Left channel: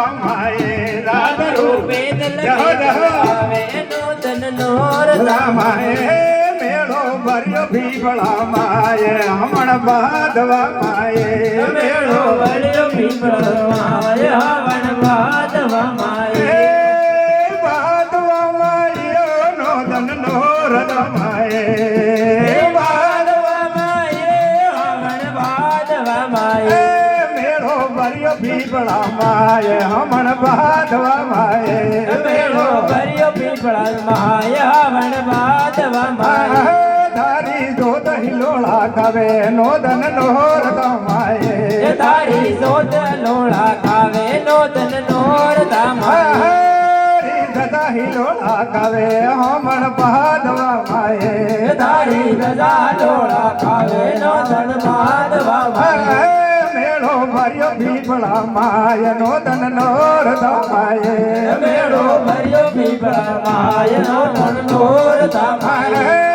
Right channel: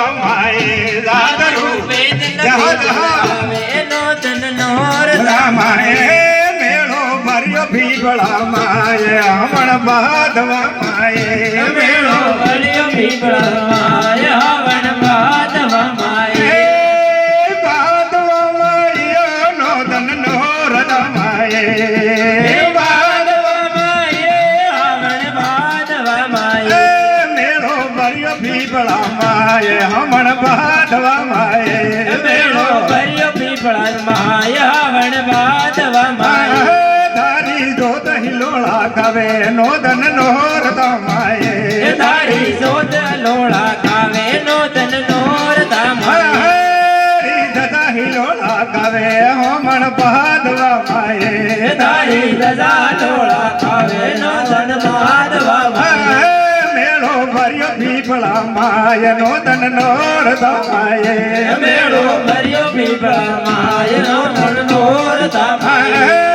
રામાએ દાદ રૂપે રામાએ મેળો ભર્યો પીપળા માએ હમણ બાંધવા માએ મેળો ભર્યો પીપળા માએ હવન બાંધવા માએ બાંધવા માએ નોંધન નો રમાએ બાંધવા માએ હવન બાંધવા માએ મેળો ભર્યો પીપળા માએ હમણ બાંધવા માએ મેળો ભર્યો પીપળા માએ હવન બાંધવા માએ ધારી જોત હિલોળા કવે નોદન નોર માએ તારી સોત લોળા કાવે નોતન નોર તામાએ ધજા હિલોળા કવે હમણ બાંધવા માએ તારી ધજા લોળા કાવે નોતન બાંધવા માએ મેળો ભર્યો પીપળા માય નોદન નોર માએ મેળો ભર્યો પીપળા માએ નોતન નોર તામાએ